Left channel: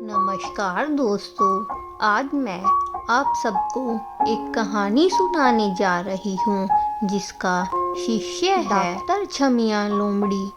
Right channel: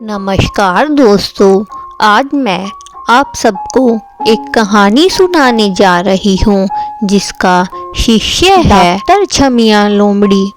नमस्कार दोस्तों, आज मैं आप सबको एक कहानी सुनाने जा रही हूँ जिसका शीर्षक है डॉक्टर छमिया लोमड़ी।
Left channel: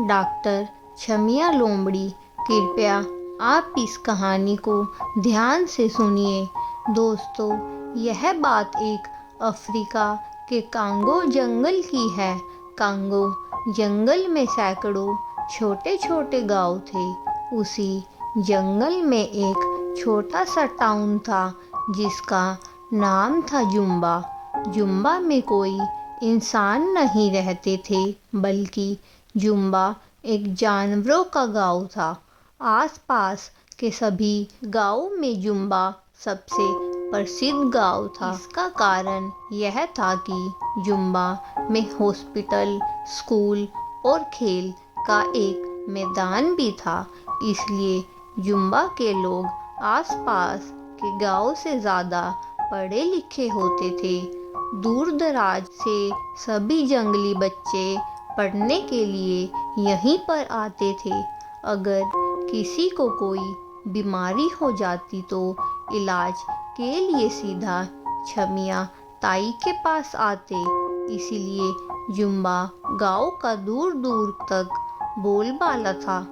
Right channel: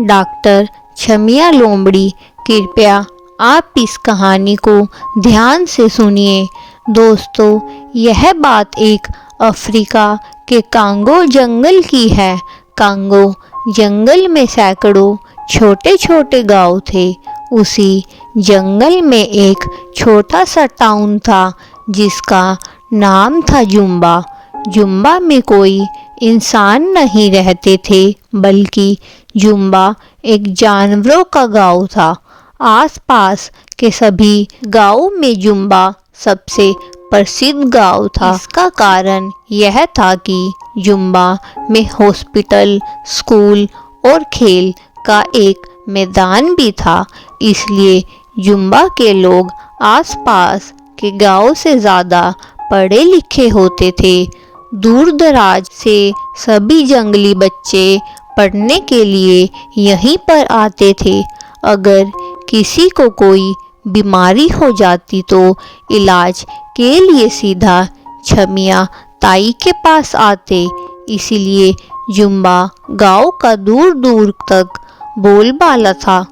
डॉक्टर छमिया लोमड़ी। कृपया आप इस कहानी को ध्यान से सुनिए। दोस्तों, यह बात एक अफ्रीका के कांगो जंगल की है। कांगो जंगल में सैकड़ों छोटे छोटे गांव थे। उसी जंगल में एक छोटा सा टाउन था जिसका नाम था जुम्बा। जुम्बा में कोई इंसान नहीं रहते थे, बल्कि जुम्बा एक जानवरों का गांव था। आसपास के सभी गांवों में जुम्बा सबसे प्रसिद्ध गांव था। इसका कारण यह था कि जुम्बा में हॉस्पिटल, स्कूल और खेल का एक मैदान भी था। इसलिए जुम्बा के लोग आसपास के गांव से ज़्यादा पढ़े लिखे होते थे। दूर दराज से सभी जंगली बच्चे पढ़ने के लिए यहीं पर आते थे। अगर किसी को कोई बीमारी हो जाती तो इलाज के लिए सीधा छमिया ताई के पास आते। इसीलिए जुम्बा गांव का दूर दूर तक बोलबाला था।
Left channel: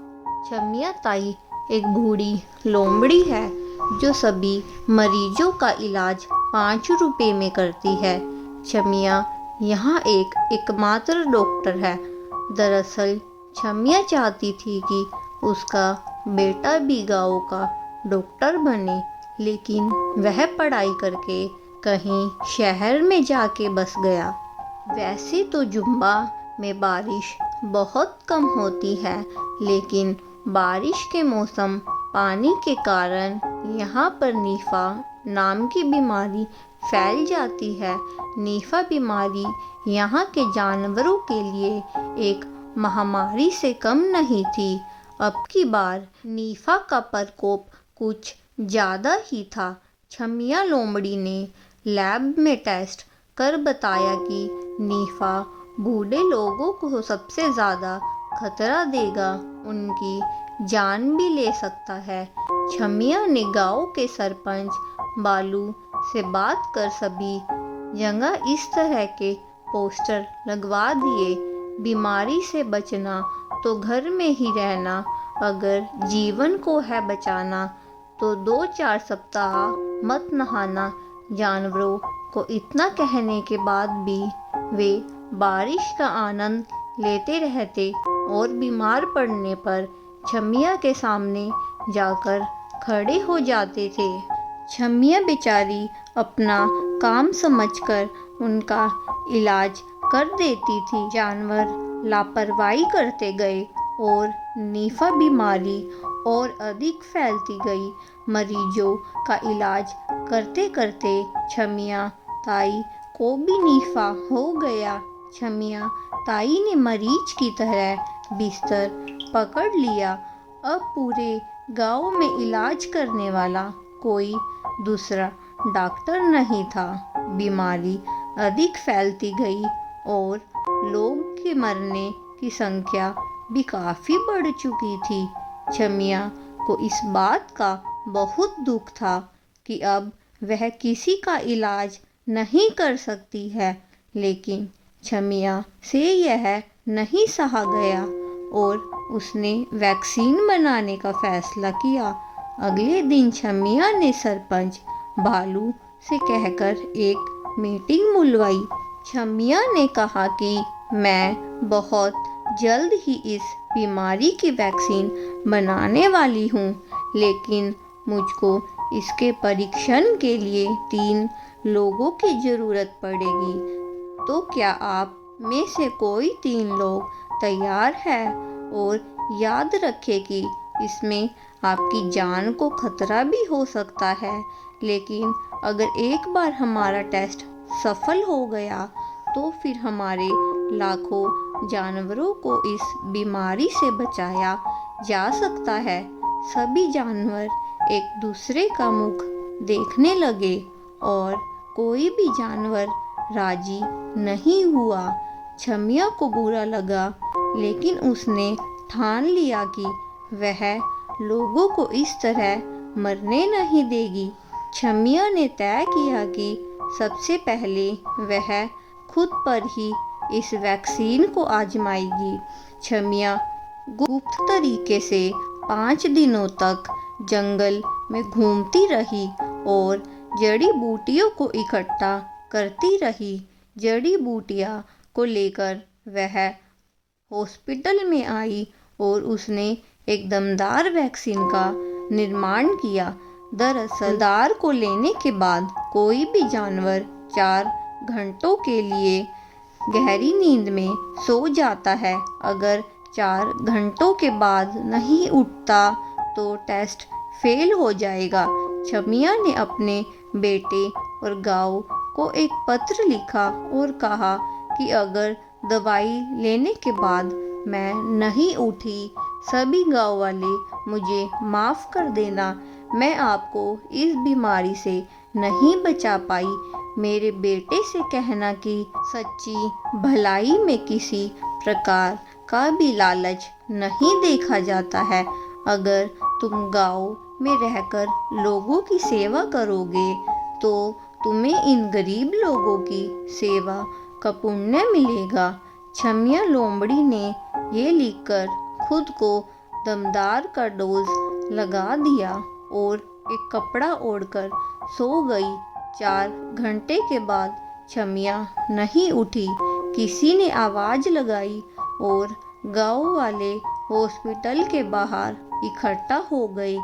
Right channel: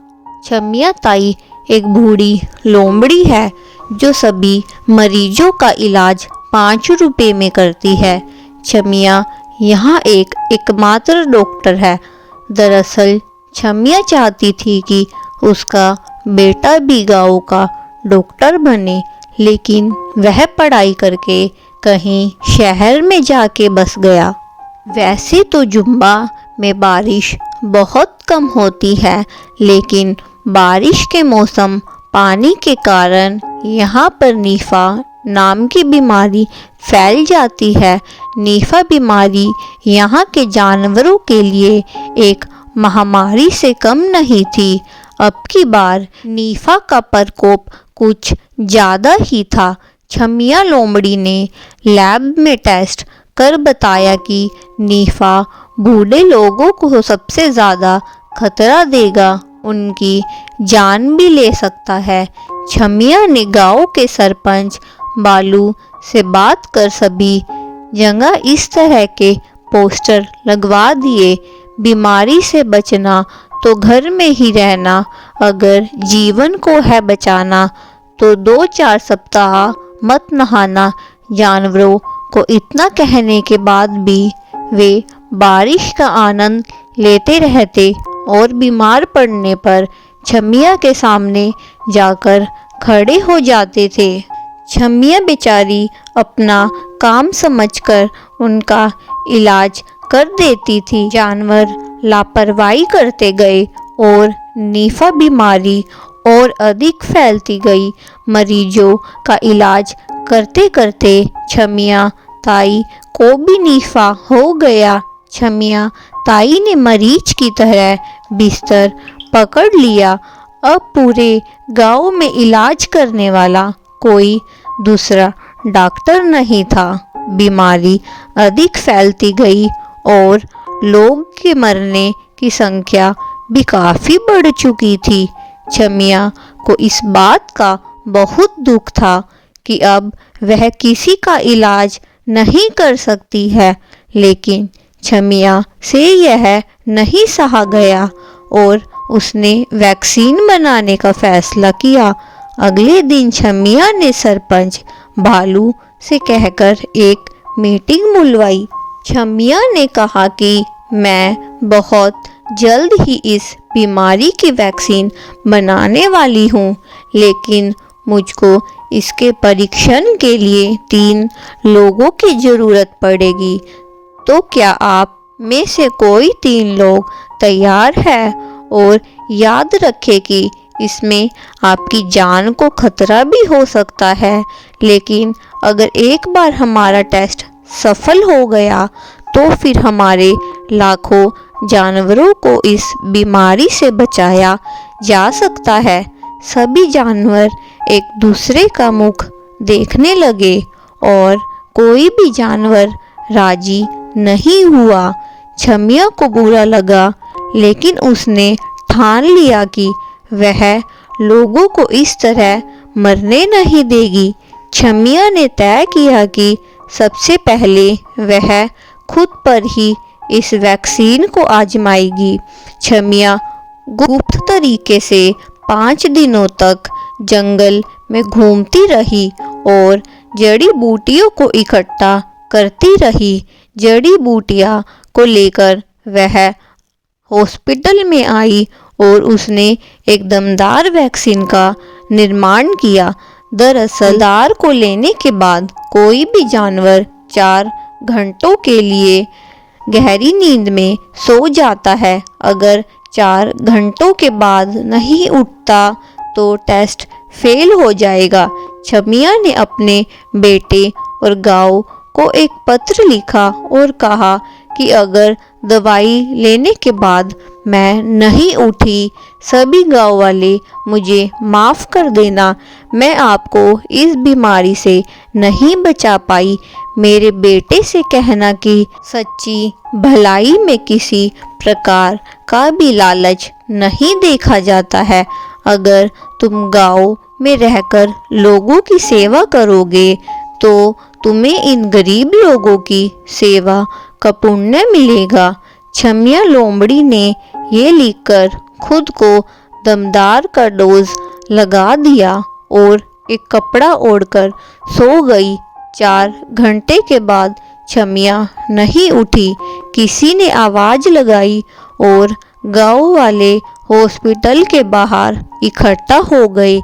छमिया ताई एक बूढ़ी लोमड़ी है जो सभी मरीजों का इलाज 5 रुपए में करती है। छमिया यहाँ एक एकमात्र डॉक्टर है। दरअसल छमिया चाहती थी कि उसका बेटा भी गांव का डॉक्टर बने, लेकिन वह पढ़ाई करके कहीं शहर में जाके बस गया। वैसे तो जुम्बा में बारिश बहुत कम होती है, लेकिन बारिश के मौसम पानी के कारण यहाँ पर नीफा नाम की बीमारी फैल जाती है। नीफा बीमारी यहाँ के जानवरों के लिए एक महामारी से कम नहीं थी। अब की बार नीफा का प्रकोप कुछ ज़्यादा ही था। छमिया लोमड़ी ने लैब में टेस्ट कर बताया कि नीफा बूढ़े लोगों को सबसे ज़्यादा खतरा देगा, उनकी जान भी ले सकता है। छमिया ने गांव के सरपंच बालू से बात कर सभी जगह इस तरह के पोस्टर लगवा दिए, बीमारी से बचना तो घर में ही रहना, अगर जीवन को है बचाना तो 2-4 सप्ताह मत नहाना। जानवरों को इतना कहने के बाद भी वे बारिश का आनंद लेते रहते और बीमार पड़ने पर छमिया के सामने जाकर खड़े हो जाते थे। छमिया बेचारी अपना काम समझकर उनका इलाज कर देती थी। जानवर लापरवाही करते गए और नीफा बीमारी और अधिक फैलती गई। मरीजों का इलाज करते करते छमिया ताई को भी नीफा हो गया। छमिया ताई ने मरीज की तरह बिस्तर पकड़ लिया। अब पूरे गांव में इलाज करने वाला कोई दूसरा डॉक्टर नहीं था। बीमारी अधिक फैलती गई और लोग के मरने की संख्या भी काफ़ी बढ़ चुकी थी। छमिया को इस बात का बहुत दुख था कि अब वह किसी का इलाज नहीं कर सकती है, लेकिन छमिया से यह नहीं सहा गया और उसने वैक्सीन बनाने का फैसला किया। अगले दिन छमिया ने सरपंच भालू से कहकर एक मीटिंग बुलवाई। छमिया ने कहा कि मैं बहुत जल्द ही इस बीमारी की वैक्सीन बनाने वाली हूँ, लेकिन मुझको इसके परीक्षण के लिए 3 लोगों की ज़रूरत पड़ेगी। तो क्या आप में से कोई 3 लोग तैयार है? और याद रखें कि इसमें आपकी जान को खतरा भी हो सकता है, लेकिन अगर एक बार हमारा टेस्ट सफल हो गया तो फिर हमारे लाखों जानवरों को इस बीमारी से बचाया जा सकता है। सभी जानवर एक दूसरे का मुख देखने लगे और कोई भी जानवर राजी नहीं हुआ। छमिया को बुरा लगा, लेकिन उसने ठान लिया कि वह लोगों को इस तरह मरने नहीं देगी। छमिया ने तय किया कि सबसे पहले वह खुद पर ही इस वैक्सीन को आजमाएगी। छमिया गुप्त तरीके से 5 दिनों तक जंगल में घूमती रही और जड़ी बूटियों को इकट्ठा करती रही। जड़ी बूटियां को लेकर वह हॉस्पिटल में आई और उसने एक दमदार वैक्सीन का निर्माण किया। दरअसल दार को लेने के बाद कोई भी जानवर 4 घंटों के लिए गहरी नींद में सो जाता है। अगर 4 घंटों के बाद नहीं उठता तो टेस्ट फेल हो जाएगा। छमिया ने अपने बेटे और गांव को एक पत्र लिखा और कहा कि अगर दवाई लेने के बाद मैं नहीं उठी, सभी गांव वाले मुझे माफ़ कर देना। मैं आपको इस बीमारी से नहीं बचा पाई। मेरे बेटे से कहना कि सच्ची भलाई में किसी प्रकार का भी लालच नहीं देखा जाता है। अगर तुम गांव में रहकर लोगों की सेवा करोगे तो तुम्हें इन गरीब लोगों की सेवा का पुण्य मिलेगा। छमिया लोमड़ी ने ये लिखकर खुद को दमदार का डोज लगा दिया और एक कपड़ा ओढ़कर सो गई। 4 घंटे के बाद छमिया नहीं उठी। किसी ने आवाज़ लगाई और गांव वाले हॉस्पिटल के बाहर इकट्ठा हो गए।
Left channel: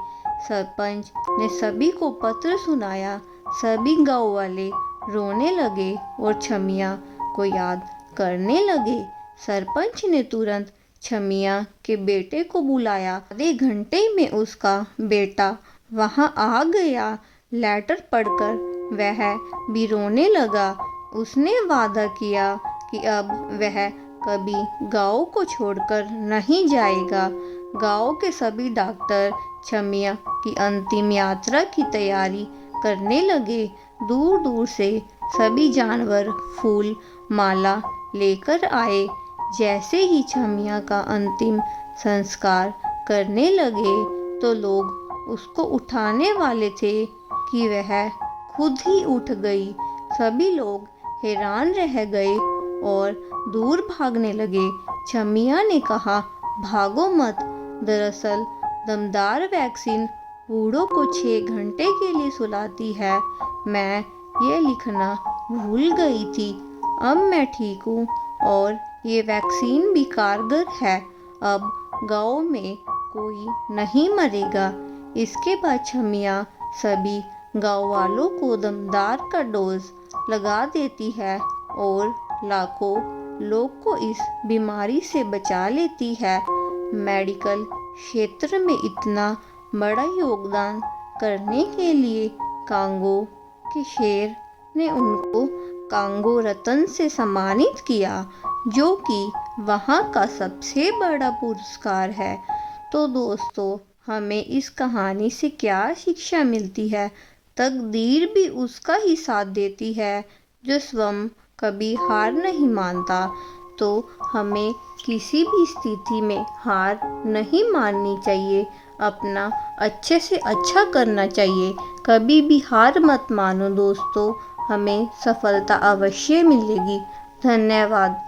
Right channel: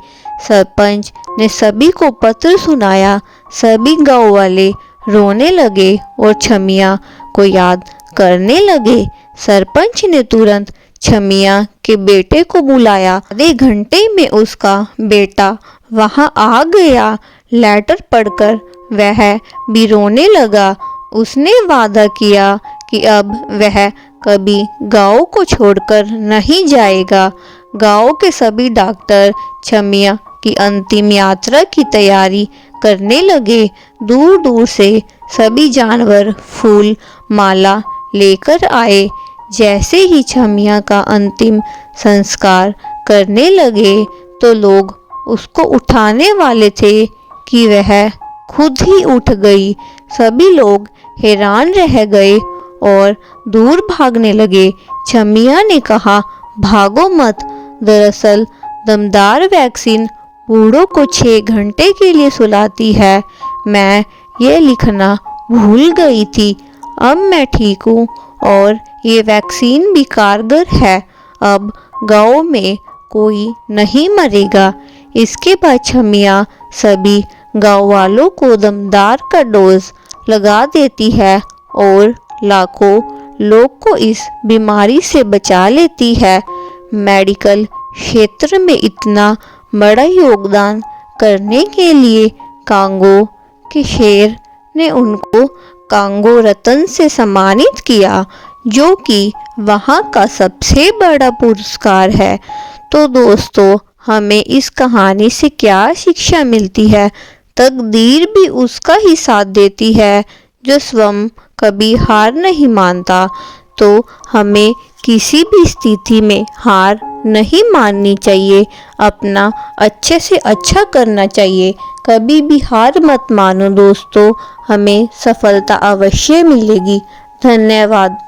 सरपंच ने सभी को पत्र सुनाया। सभी गांव वाले रोने लगे और छमिया को याद करने लगे। सरपंच ने तुरंत छमिया के बेटे को बुलाया। आधे घंटे में उसका बेटा वहां आ गया। लेटर पढ़कर वह भी रोने लगा। उसने वादा किया कि अब वह कभी गांव को छोड़कर नहीं जाएगा। गांव के सभी डॉक्टर छमिया की अंतिम यात्रा की तैयारी करने लगे। दूर दूर से सभी जानवर फूल माला लेकर आए। जैसे ही छमिया का अंतिम संस्कार करने लगे तो लोग उसको उठाने वाले थे कि वह खुद ही उठ गई। सभी लोग हैरान रह गए और दूर भागने लगे। छमिया ने कहा, भागो मत। दरअसल दमदार वैक्सीन बूढ़ों को 6 घंटे के लिए सुलाती है। मैं ये लिखना भूल गई थी। अब मैं ठीक हूँ और ये वैक्सीन भी कारगर है। अब गांव में कोई नहीं मरेगा। इसके बाद छमिया सभी गांव वालों को दमदार का डोज लगा देती है और लाखों लोग को इस बीमारी से बचा लेती है। मेडिकल क्षेत्र में इतना बड़ा योगदान करने के लिए कांगो के शेर ने उनको कांगो रत्न से सम्मानित किया, जो कि वहाँ का सबसे बड़ा पुरस्कार है। तो दोस्तों, हमें इस कहानी से क्या शिक्षा मिलती है? तकदीर भी उसका ही साथ देती है जो स्वयं कभी हार नहीं मानता। तो हमें किसी भी स्थिति में हार नहीं माननी चाहिए। अपना अच्छे से अच्छा करना चाहिए। कभी भी हार मत मानो दोस्तों। हमें सफलता अवश्य मिलेगी। धन्यवाद।